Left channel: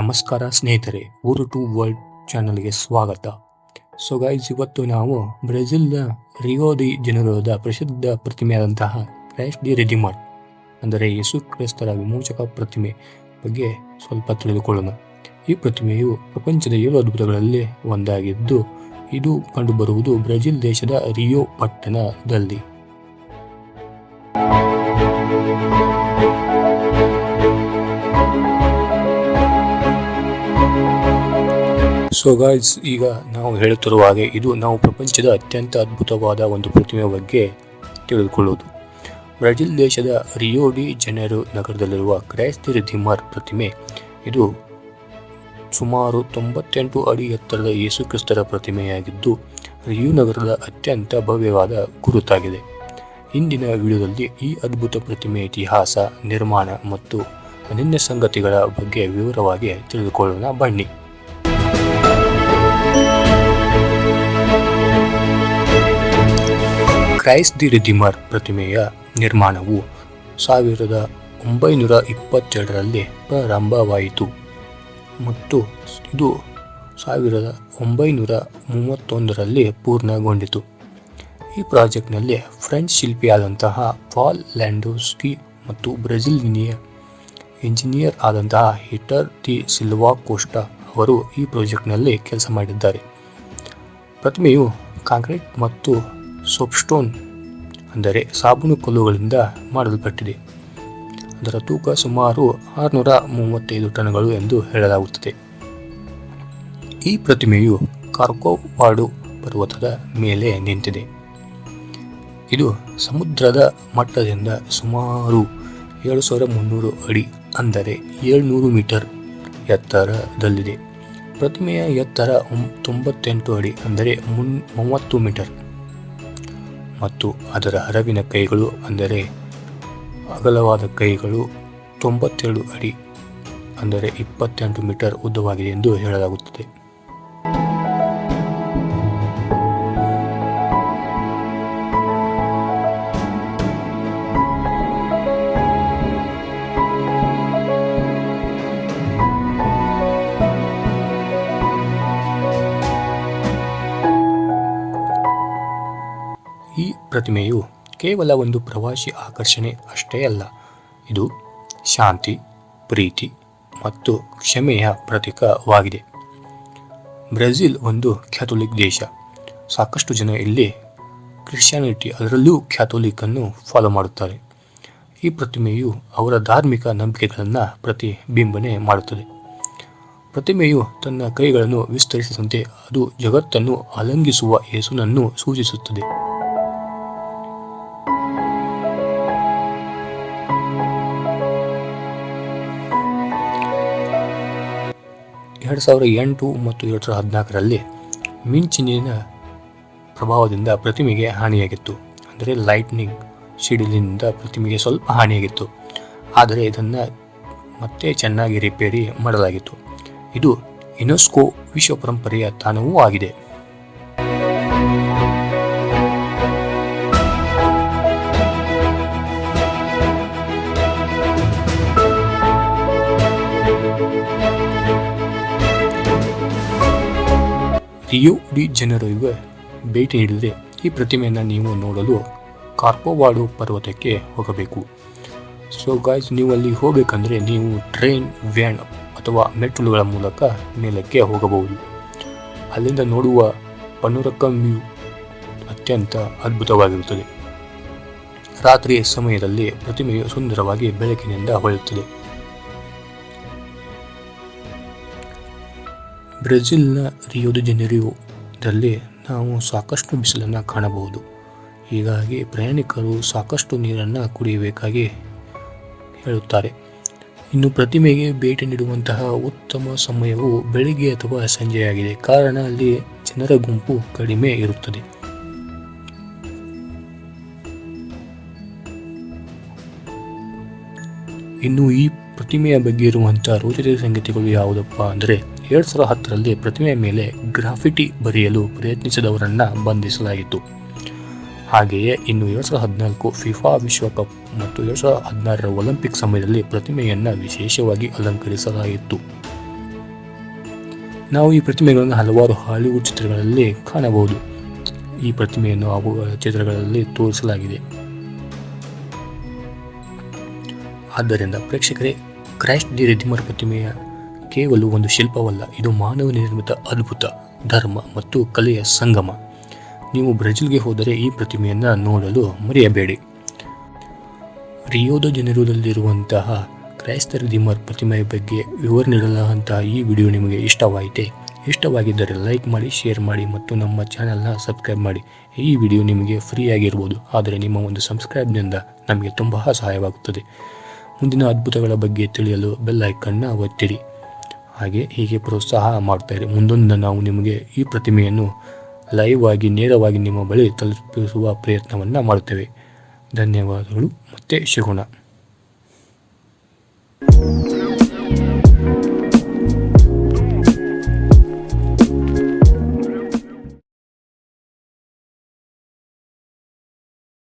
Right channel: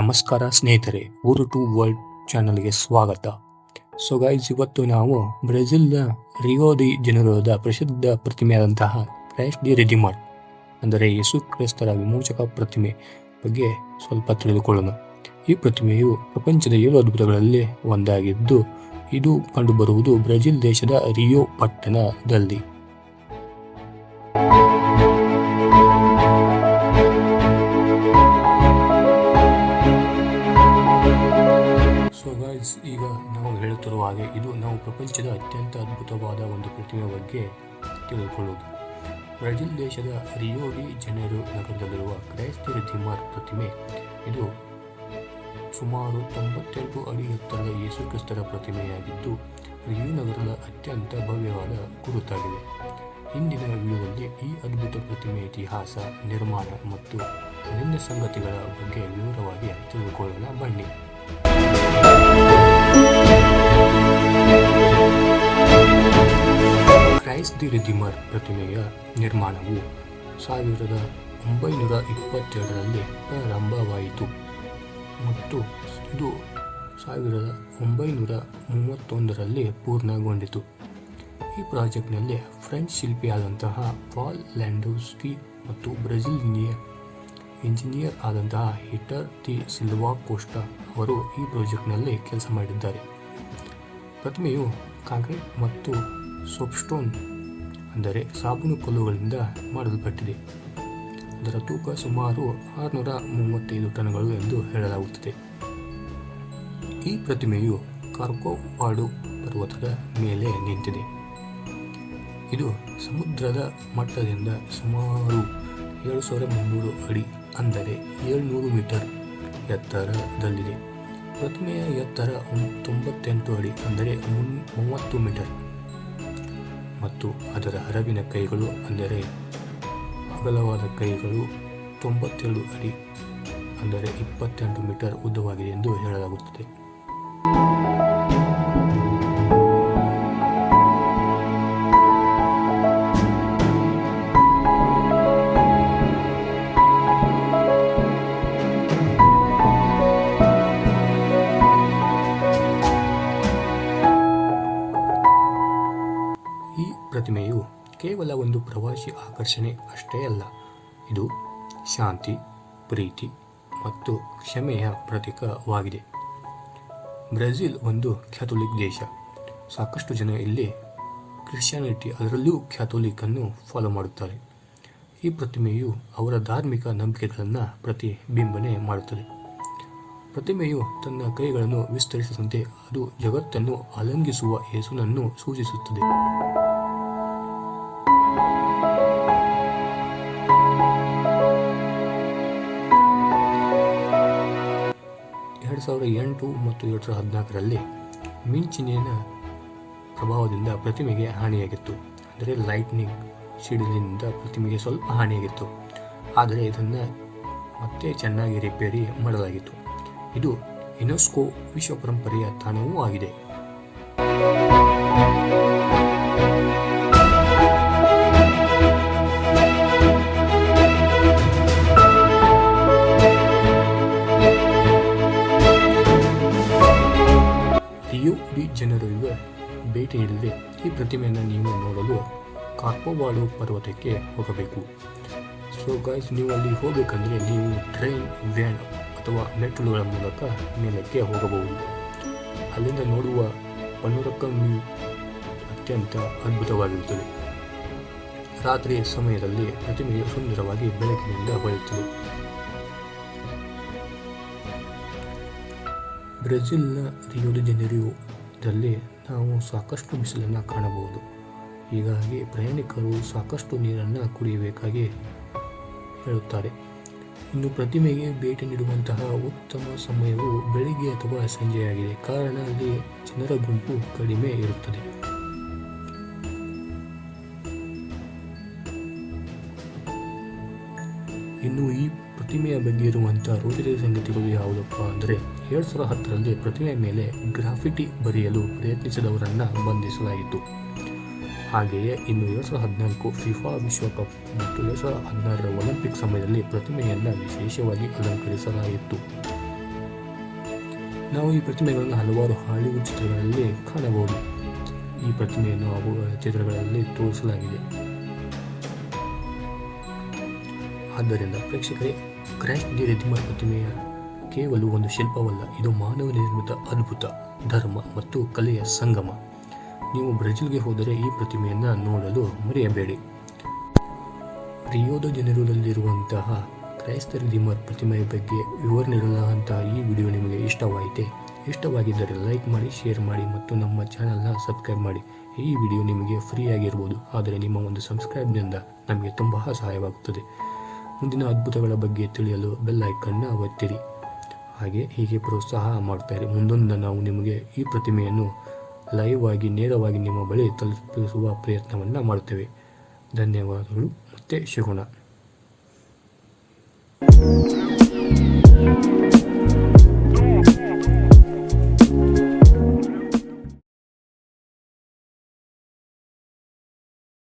ನಮಸ್ಕಾರ ಸ್ನೇಹಿತರೆ, ಊರು ಟು ವರ್ಲ್ಡ್ ಚಾನಲ್ಗೆ ಸ್ವಾಗತ. ಸೊ ಗೈಸ್, ಇವತ್ತು ನಾವು ಬ್ರೆಜಿಲ್ನ ರಿಯೋ ಡಿ ಜನರೋದ ಪ್ರಸಿದ್ಧ ಪ್ರತಿಮೆಯಾದಂತಹ ಕ್ರೈಸ್ಟ್ ದಿ ರೆಡಿಮರ್ ಅಂದರೆ ಯೇಸು ಕ್ರಿಸ್ತರ ವಿಮೋಚಕ ಪ್ರತಿಮೆ ಬಗ್ಗೆ ಸ್ವಲ್ಪ ತಿಳಿದುಕೊಳ್ಳೋಣ. ಈ ಪ್ರತಿಮೆಯು ಪ್ರಪಂಚದ 7 ಅದ್ಭುತಗಳಲ್ಲಿ ಒಂದಾಗಿದ್ದು, ಇದು ಕಂಡುಬರುವುದು ಬ್ರೆಜಿಲ್ ದೇಶದ ರಿಯೋ ಪಟ್ಟಣದಲ್ಲಿ. ಸೊ ಗಾಯ್ಸ್, ಈಗ ನಾವು ಹೇಳುತ್ತಿರುವ ಹಾಗೆ ಇದು ನಾವು ಪ್ರಪಂಚದ ಅತ್ಯಂತ ಅದ್ಭುತವಾದ ಒಂದು ಪ್ರತಿಮೆ ಬಗ್ಗೆ ತಿಳಿದುಕೊಳ್ಳುವುದು. ಬ್ರೆಜಿಲ್ ದೇಶದ ರಿಯೋ ಡಿ ಜನೈರೋ ನಗರದಲ್ಲಿರುವ ಕ್ರೈಸ್ಟ್ ದಿ ರೆಡಿಮರ್ ಪ್ರತಿಮೆ ಇದು ಸುಮಾರು 98 ಅಡಿ ಎತ್ತರದ ಯೇಸು ಕ್ರಿಸ್ತರ ಪ್ರತಿಮೆಯಾಗಿದ್ದು, ರಿಯೋ ನಗರದ ಅತ್ಯಂತ ಭವ್ಯವಾದ ಗುರುತಾಗಿದೆ. ಇಂದಿನ ವಿಡಿಯೋದಲ್ಲಿ ಈ ಅದ್ಭುತ ಪ್ರತಿಮೆಯ ಇತಿಹಾಸ, ನಿರ್ಮಾಣ ಮತ್ತು ಅನನ್ಯ ಸಂಗತಿಗಳ ಬಗ್ಗೆ ವಿವರವಾಗಿ ತಿಳಿದುಕೊಳ್ಳೋಣ ಬನ್ನಿ. ಕ್ರೈಸ್ಟ್ ದಿ ರೆಡಿಮರ್ ಪ್ರತಿಮೆಯ ನಿರ್ಮಾಣವು 1922ರಲ್ಲಿ ಪ್ರಾರಂಭವಾಯಿತು ಮತ್ತು ಇದು 1931ರಲ್ಲಿ ಪೂರ್ಣಗೊಂಡಿತು. ಈ ಪ್ರಾಜೆಕ್ಟ್ನಲ್ಲಿ ಫ್ರೆಂಚ್ ಶಿಲ್ಪಿಯಾದಂತಹ ಪಾಲ್ ಲ್ಯಾಂಡೋವ್ಸ್ಕಿ ಮತ್ತು ಬ್ರೆಜಿಲಿಯನ್ ಇಂಜಿನಿಯರ್ ಆದಂತಹ ಹಿಟರ್ ದಿ ಸಿಲ್ವಾ ಕೋಸ್ಟಾ ಅವರು ಈ ಪ್ರಾಜೆಕ್ಟ್ನಲ್ಲಿ ಕೆಲಸ ಮಾಡಿದ್ದಾರೆ. ಪ್ರತಿಮೆಯು ಕಾಂಕ್ರೀಟ್ ಮತ್ತು ಸೋಪ್ಸ್ಟೋನ್ ಅಂದರೆ ಸಾಬೂನು ಕಲ್ಲುಗಳಿಂದ ಮಾಡಲ್ಪಟ್ಟಿದೆ. ಅದರ ತೂಕ ಸುಮಾರು 635 ಟನ್ಗಳು ಎಂದು ಹೇಳಲಾಗುತ್ತದೆ. ಈ ಪ್ರತಿಮೆಯು ಕಾರ್ಕೋವಾಡೋ ಪರ್ವತದ ಮೇಲೆ ನಿಂತಿದೆ. ಇದು ಸಮುದ್ರದ ಮಟ್ಟದಿಂದ ಸುಮಾರು 7300 ಅಡಿ ಅಂದರೆ 700 ಮೀಟರ್ ಎತ್ತರದಲ್ಲಿದೆ. ಪ್ರತಿಮೆಯ ಎತ್ತರ 98 ಅಡಿ ಅಂದರೆ 30 ಮೀಟರ್ ಮತ್ತು ಅದರ ಹರವಿನ ಕೈಗಳು ಅಂದರೆ ಅಗಲವಾದ ಕೈಗಳು 92 ಅಡಿ ಅಂದರೆ 28 ಮೀಟರ್ ಉದ್ದವಾಗಿದೆ ಎಂದು ಹೇಳಲಾಗುತ್ತದೆ. ಈ ಪ್ರತಿಮೆಯು ಕೇವಲ ಒಂದು ಪ್ರವಾಸಿ ಆಕರ್ಷಣೆ ಅಷ್ಟೇ ಅಲ್ಲ, ಇದು ಶಾಂತಿ, ಪ್ರೀತಿ ಮತ್ತು ಕ್ಷಮೆಯ ಪ್ರತೀಕವಾಗಿದೆ. ಬ್ರೆಜಿಲ್ ಒಂದು ಕ್ಯಾಥೋಲಿಕ್ ದೇಶ. ಸಾಕಷ್ಟು ಜನ ಇಲ್ಲಿ ಕ್ರಿಶ್ಚಿಯಾನಿಟಿ, ಅದರಲ್ಲೂ ಕ್ಯಾಥೋಲಿಕ್ ಅನ್ನು ಫಾಲೋ ಮಾಡುತ್ತಾರೆ. ಈ ಪ್ರತಿಮೆಯು ಅವರ ಧಾರ್ಮಿಕ ನಂಬಿಕೆಗಳನ್ನು ಪ್ರತಿಬಿಂಬನೆ ಮಾಡುತ್ತದೆ. ಪ್ರತಿಮೆಯು ತನ್ನ ಕೈಗಳನ್ನು ವಿಸ್ತರಿಸಿದಂತೆ ಅದು ಜಗತ್ತನ್ನು ಆಲಿಂಗಿಸುವ ಯೇಸುನನ್ನು ಸೂಚಿಸುತ್ತದೆ. ಎರಡು 2008 ಮತ್ತು 2014ರಲ್ಲಿ ಮಿಂಚಿನ ಪ್ರಭಾವದಿಂದ ಪ್ರತಿಮೆಗೆ ಹಾನಿಯಾಗಿತ್ತು. ಅಂದರೆ ಲೈಟ್ನಿಂಗ್ ಸಿಡಿಲಿನಿಂದ ಪ್ರತಿಮೆಗೆ ಸ್ವಲ್ಪ ಹಾನಿಯಾಗಿತ್ತು, ಆದರೆ ಇದನ್ನು ಮತ್ತೆ ಚೆನ್ನಾಗಿ ರಿಪೇರಿ ಮಾಡಲಾಗಿತ್ತು. ಇದು ಯುನೆಸ್ಕೋ ವಿಶ್ವ ಪರಂಪರೆಯ ತಾಣವೂ ಆಗಿದೆ. ರಿಯೋ ಡಿ ಜನೈರೋಗೆ ಭೇಟಿ ನೀಡಿದರೆ ಈ ಪ್ರತಿಮೆಯನ್ನು ನೀವು ನೋಡಲು ಕಾರ್ಕೋವಾಡೋ ಪರ್ವತಕ್ಕೆ ಹೋಗಬೇಕು. ಸೊ ಗಾಯ್ಸ್, ನೀವು ಅಲ್ಲಿ ಹೋಗಬೇಕಂದ್ರೆ ನೀವು ಟ್ರೈನ್, ವ್ಯಾನ್ ಅಥವಾ ಮೆಟ್ಟಿಲುಗಳ ಮೂಲಕ ಮೇಲಕ್ಕೆ ಹೋಗಬಹುದು. ಅಲ್ಲಿಂದ ನೋಡುವ ಪನೋರಕಮ್ ವ್ಯೂ ಅತ್ಯಂತ ಅದ್ಭುತವಾಗಿರುತ್ತದೆ. ರಾತ್ರಿಯ ಸಮಯದಲ್ಲಿ ಪ್ರತಿಮೆಯು ಸುಂದರವಾಗಿ ಬೆಳಕಿನಿಂದ ಹೊಳೆಯುತ್ತದೆ. ಬ್ರೆಜಿಲ್ನ ರಿಯೋ ಡಿ ಜನೈರೋದಲ್ಲಿ ನಾವು ಸಾಕಷ್ಟು ಬಿಸಿಲನ್ನು ಕಾಣಬಹುದು. ಹೀಗಾಗಿ ಪ್ರಯಾಣಿಕರು ಸಾಕಷ್ಟು ನೀರನ್ನು ಕುಡಿಯಬೇಕಾಗಿ ಹೇಳುತ್ತಾರೆ. ಇನ್ನು ಪ್ರತಿಮೆಗೆ ಭೇಟಿ ನೀಡುವಂತಹ ಉತ್ತಮ ಸಮಯವು ಬೆಳಿಗ್ಗೆ ಅಥವಾ ಸಂಜೆಯಾಗಿದೆ, ಕಾರಣ ಅಲ್ಲಿ ಜನರ ಗುಂಪು ಕಡಿಮೆ ಇರುತ್ತದೆ. ಇನ್ನು ಈ ಪ್ರತಿಮೆಯ ಬಗ್ಗೆ ಇರುವಂತಹ ರೋಚಕ ಸಂಗತಿಗಳು ಯಾವುದಪ್ಪ ಅಂದರೆ, 2010ರಲ್ಲಿ ಪ್ರತಿಮೆಯ ಮೇಲೆ ಗ್ರಾಫಿಟಿ ಬರೆಯಲು ಪ್ರಯತ್ನಿಸಿದವರನ್ನು ಬಂಧಿಸಲಾಯಿತು. ಹಾಗೆಯೇ ಇನ್ನು 2014 ಫಿಫಾ ವಿಶ್ವಕಪ್ ಮತ್ತು 2016ರ ಒಲಿಂಪಿಕ್ ಸಮಯದಲ್ಲಿ ಪ್ರತಿಮೆಯನ್ನು ವಿಶೇಷವಾಗಿ ಅಲಂಕರಿಸಲಾಯಿತು. ನಾವು ಈ ಪ್ರತಿಮೆಗಳನ್ನು ಹಲವಾರು ಹಾಲಿವುಡ್ ಚಿತ್ರಗಳಲ್ಲಿ ಕಾಣಬಹುದು. ಈ ಪ್ರತಿಮೆಯನ್ನು ಅವುಗಳ ಚಿತ್ರಗಳಲ್ಲಿ ತೋರಿಸಲಾಗಿದೆ. ಆದ್ದರಿಂದ ಪ್ರೇಕ್ಷಕರೇ, ಕ್ರೈಸ್ಟ್ ದಿ ರಿಡೀಮರ್ ಪ್ರತಿಮೆಯ ಕೇವಲ ಒಂದು ಶಿಲ್ಪವಲ್ಲ, ಇದು ಮಾನವ ನಿರ್ಮಿತ ಅದ್ಭುತ, ಧರ್ಮ ಮತ್ತು ಕಲೆಯ ಸಂಗಮ. ನೀವು ಬ್ರೆಜಿಲ್ಗೆ ಹೋದರೆ ಈ ಪ್ರತಿಮೆಯನ್ನು ನೋಡಲು ಮರೆಯಬೇಡಿ. ರಿಯೋ ದ ಜನೈರೊದಲ್ಲಿರುವಂತಹ ಕ್ರೈಸ್ಟ್ ದಿ ರಿಡೀಮರ್ ಪ್ರತಿಮೆಯ ಬಗ್ಗೆ ವಿವರ ನೀಡಲಾದಂತಹ ಈ ವಿಡಿಯೋ ನಿಮಗೆ ಇಷ್ಟವಾಗಿದ್ದರೆ ಲೈಕ್ ಮಾಡಿ, ಶೇರ್ ಮಾಡಿ ಮತ್ತು ನಮ್ಮ ಚಾನೆಲ್ನ ಸಬ್ಸ್ಕ್ರೈಬ್ ಮಾಡಿ. ಈ ವಿಡಿಯೋ ನಿಮಗೆ ಫ್ರೀ ಆಗಿರ್ಬೋದು, ಆದರೆ ನಿಮ್ಮ ಒಂದು ಸಬ್ಸ್ಕ್ರೈಬ್ನಿಂದ ನಮಗೆ ತುಂಬ ಸಹಾಯವಾಗುತ್ತದೆ. ಮುಂದಿನ ಅದ್ಭುತಗಳ ಬಗ್ಗೆ ತಿಳಿಯಲು ಬೆಲ್ ಐಕನ್ನ ಒತ್ತಿರಿ. ಹೀಗೆ ಪ್ರೋತ್ಸಾಹ ಮಾಡ್ತಾರೆ. ಮುಂದೊಂದು ನಾವು ನಿಮಗೆ ಈ ಪ್ರತಿಮೆಯನ್ನು ಲೈವ್ ಆಗಿ ನೇರವಾಗಿ ನಿಮ್ಮ ಬಳಿ ತಲುಪಿಸುವ ಪ್ರಯತ್ನವನ್ನು ಮಾಡುತ್ತೇವೆ. ಧನ್ಯವಾದಗಳು, ಮತ್ತೆ ಸಿಗೋಣ.